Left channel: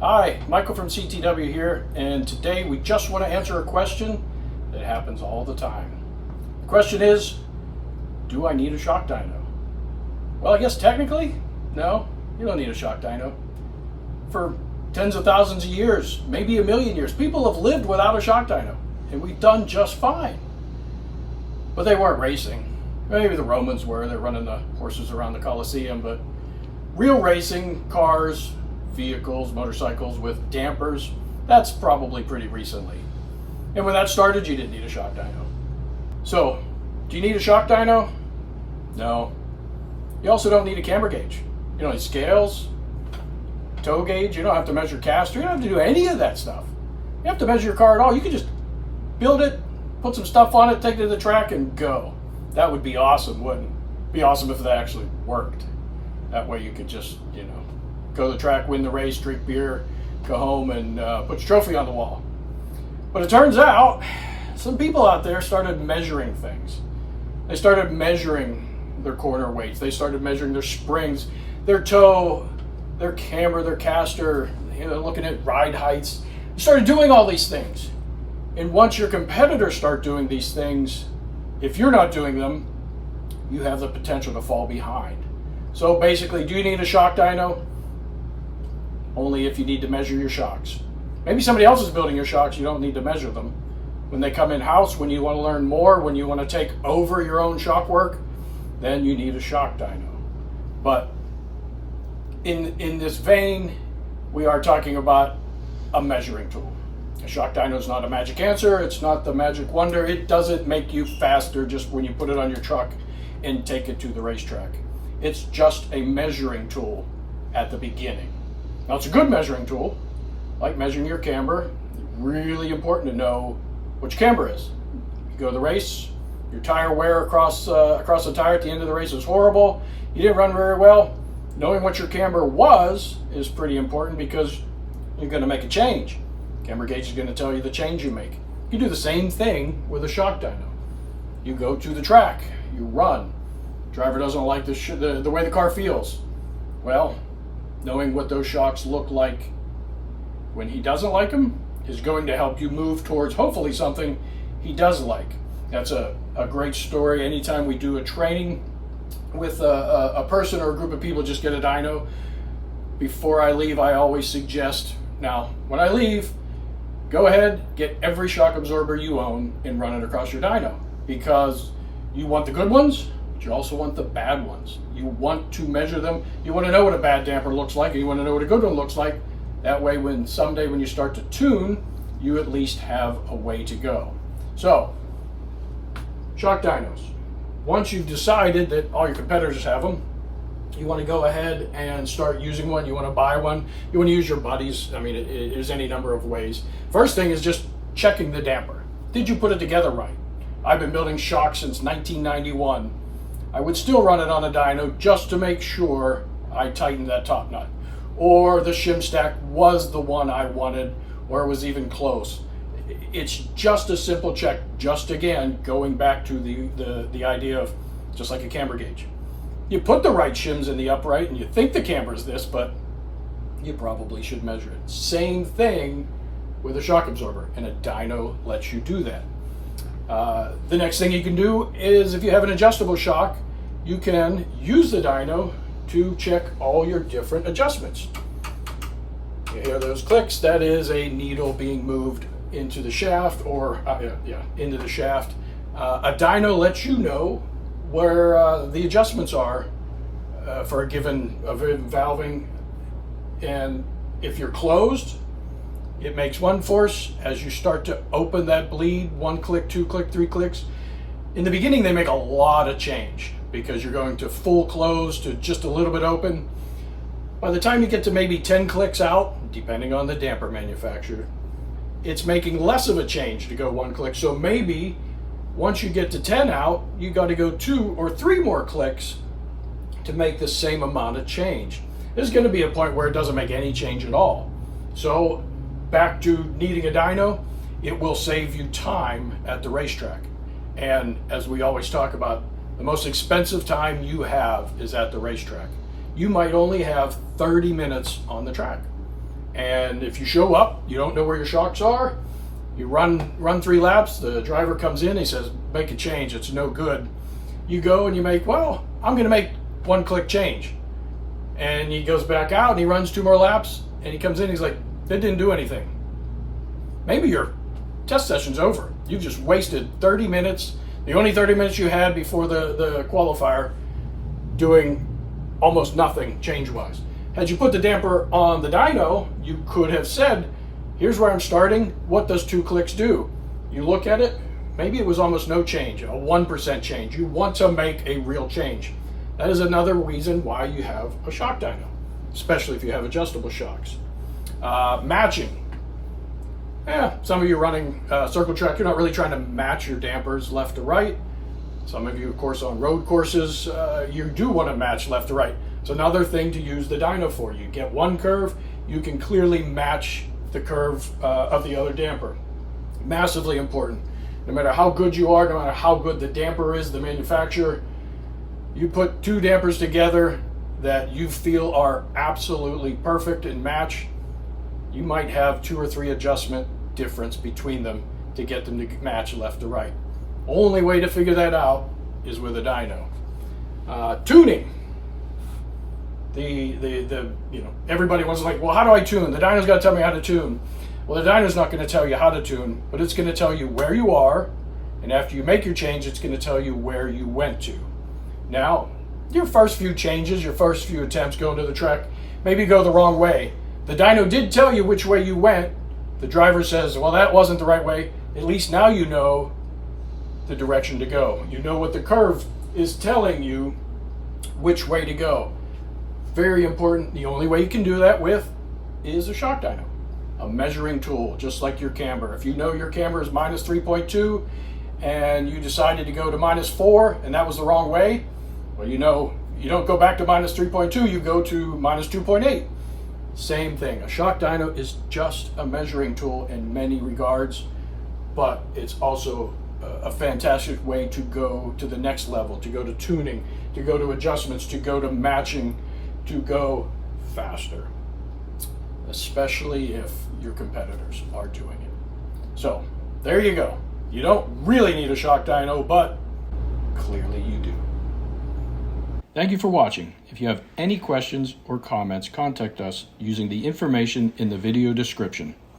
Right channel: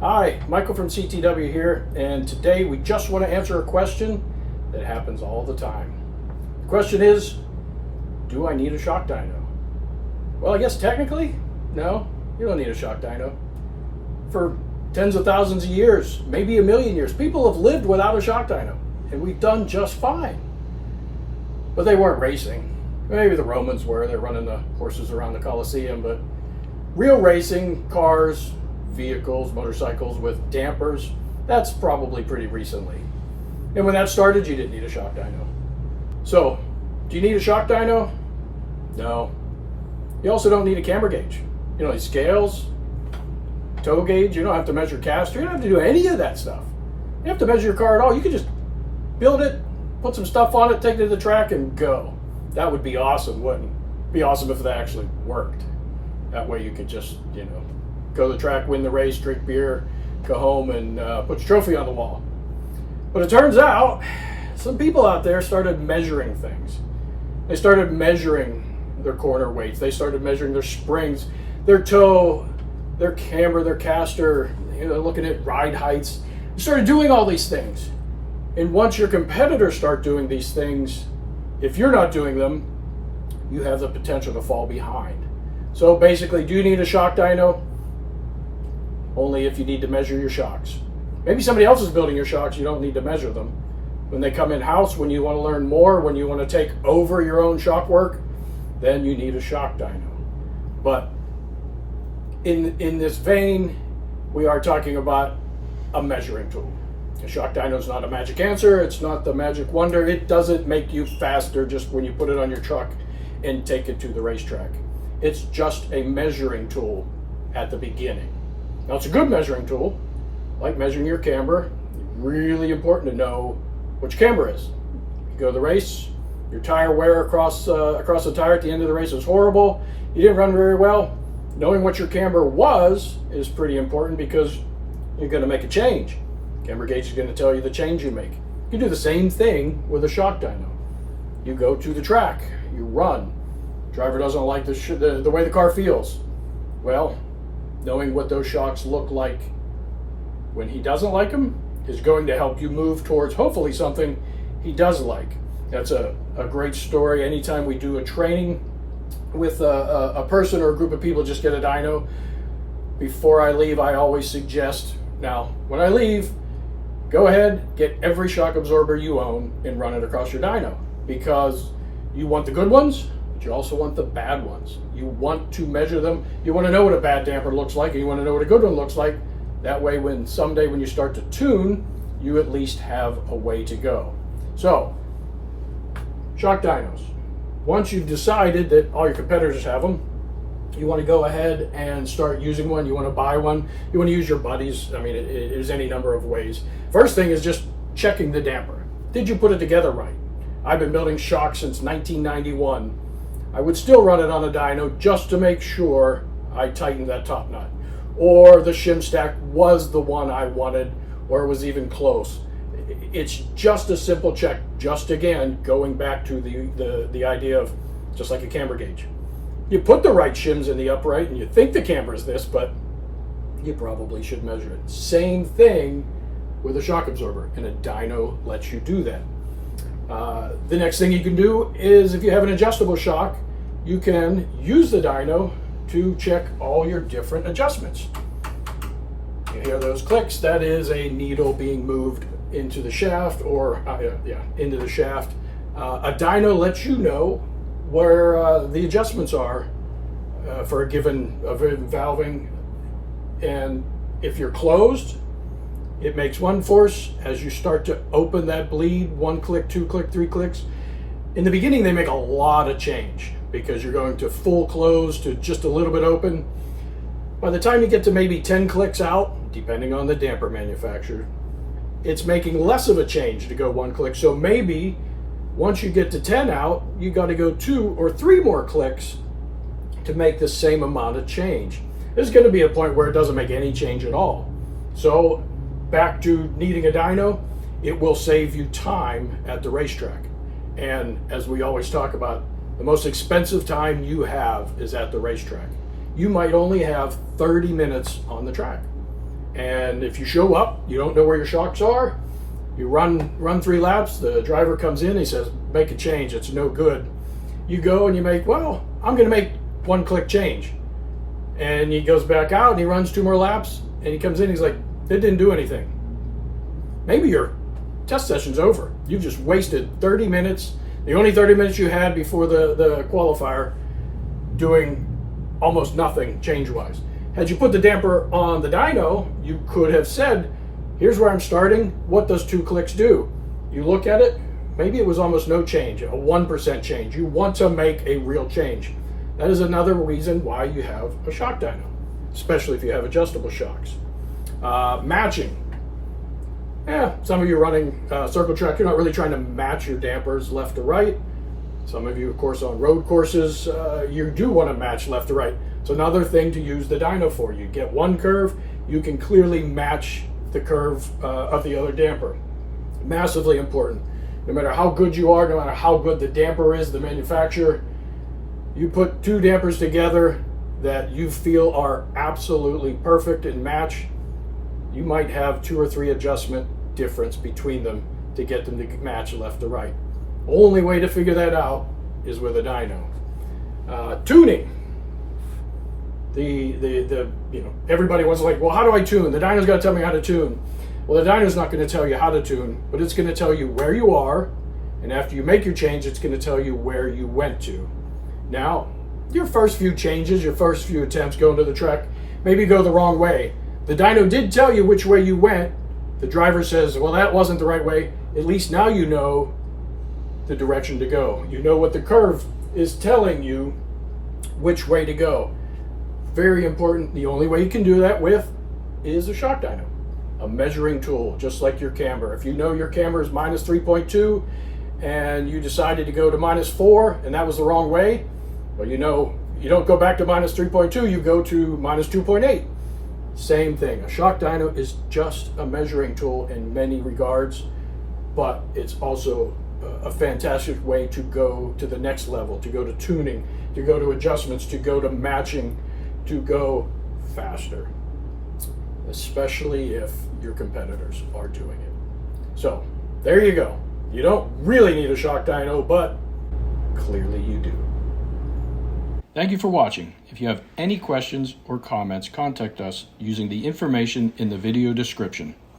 Hi, Michael from CTW here, and today we just want to answer a question that happens all the time. The question is, do I need a shock dyno? Well, I guess technically, no, you don't need a shock dyno. For tens of thousands of years, maybe a million years, people have lived without a shock dyno, and we've done just fine. But they weren't racing. Maybe the Romans were, they're running the horses around the Colosseum, but real racing, cars, vehicles, motorcycles with dampers, that's probably pretty recently. And when that started, you didn't need a shock dyno. So, do you need a shock dyno? No. You also don't need a camber gauge. You don't need scales, tow gauge, you don't have to measure caster, you don't have to do any of that stuff. You have to measure your car at all. You can just build it, put some stuff on it, take it to the track, and go. That would be awesome, wouldn't it? Be awesome if that actually worked. That way you could just, go to the track, win the race, drink beer, go home, and put your trophy on the wall. But it turns out, some people out there started measuring things. They started measuring their corner weights. They started measuring their springs, their toe, their camber, their caster, looking at ride heights. They started doing all these things. And once your competitors start doing these things, if you're not doing them, you have the potential to fall behind. So basically, do you need a shock dyno? Only if you need to measure your shocks. Maybe somebody else is building your shocks, you don't need to measure them. When they come in-house, when you want to learn more, when you want to take over your own shock work, then you need a shock dyno. But in this vein, we are talking about a measuring tool. A shock dyno is not a magic answer, it's not the magic wonder, it doesn't make you faster just when you put it on your truck and take it to the racetrack. It's just a measuring tool at the beginning. Now, it's a good measuring tool, like measuring your camber. Really important to know what your camber is. You go to the race, your tire wear across the tire at the end of the race is horrible. You didn't run very well. Knowing what your camber was is pretty important because you're going to make a change. Camber gauge is going to tell you the change you make. You do the same thing with a shock dyno. You go to the track, you run. Driver doesn't like the way the car feels. Well, knowing what those shocks look like when he doesn't like them is going to help you move towards hopefully something he does like. That's a great story. Anytime we do a training with a person or a group of people just get a dyno, before I leave, I always suggest, now, when I leave, go ahead, get every shock absorber you own and run it across your dyno, because you want the good ones, but you also want the bad ones. You want to measure them. You want to know what a bad damper looks like, and you want to know what a good one looks like. That way, someday when you start to tune, you at least have a way to go. So, shock dynos. Once you've decided that all your competitors have them, you want to go ahead and start using one. You want to buy one. You want to use your buddies. I mean, there's any number of ways. First thing is just checking the damper. Did you put it together right? I've been building shocks since 1991. I would still run it on a dyno just to make sure I tightened that top nut, or the shim stack was the one I wanted, or it was even close. It's just a simple check. Just again, going back to the idea of just like a camber gauge. You put the right shims in the upright and you think the camber is this, but you probably should measure it. Same thing with a shock absorber, and a dyno lets you do that. The next thing you can do is, if you have an adjustable shock, you can use the dyno to check all your different adjustments. You hear those clicks, that is a needle being moved into the shaft, or into the shaft. A dyno lets you know where the adjustments are for a given valving, and if you're closed, it makes one force. As you start to open that bleed, 1 click, 2 click, 3 clicks. In the beginning, they make a lot of change because you're going to full close to just a little bit open. By the time you get to maybe 10 clicks out, depending on the damper manufacturer, it's making less of a change to go 1 click. So maybe once you get to 10 out, you got to go 2 or 3 more clicks to make the same amount of change. There's going to be a point where it doesn't make any change at all. So back to needing a dyno, it will save you time at the racetrack. And as we always talk about, the most expensive time you have is at the racetrack. You might only have 30 minutes on the track. And if you show up, you don't know where your shocks are, you run 3 laps, the driver comes in, he says, make a change, it's no good. You go and you make, well, I'm gonna make 1 click change. And he goes back out and he runs 2 more laps and he comes in, he's like, it didn't do anything. Maybe your test session's over. You've just wasted 30 minutes, the only 30 minutes you had before the qualifier, doing almost nothing change-wise. Had you put the damper on the dyno, you could have said, here's where I'm starting, what does 2 clicks do? You look at it, maybe it was almost no change, a 1% change. You want to make a real change. That is another reason why you have a shock dyno, especially if you have adjustable shocks. Matching. Yeah, some of you running circle track, you're not really trying to match your dampers left to right. Some of you, of course, on road courses, you do want to match left to right. It's another thing to use the dyno for. You get 1 curve, you can clearly match the curve of the other damper. Massively important. No matter how good you are, no matter how good the damper is, the manufacturer, you put 2 dampers together that you feel are absolutely perfect and match, you might have 2 or 3 adjustment difference between them to get them to match left to right. Only way to figure that out is with a dyno. Tuning. Everybody wants to, like, well, how do I tune? The dyno's got to tell me how to tune. Well, the dyno's not going to tell you how to tune, but it's going to tell you where you are, and after you make your change, it's going to tell you where you went to. Now, your first few changes, your first few attempts going to the track, maybe go the wrong way. The dyno did tell you which way you went. The driver says, well, that wasn't the right way. At least now you know the direction to go. You know what the curve is telling you which way to go. Very important. The only way you can do that with is a shock dyno, a measuring tool, just like your camber. If you know your camber is minus 3.2 and you decided to go to minus 4 and that was the wrong way, well, you know, you don't go back to minus 3.2, you go to minus 2.8. Same thing. A shock dyno is just a measuring tool in many regards, but it's also a fantastic way to go to the next level, to go to tuning, to go to adjustments, to go to matching, to go faster, especially if your competitors are doing it. So there you go. You don't really need a shock dyno, but clearly you do. Thank you for watching. If you have any questions or comments, contact us using the information in the video description.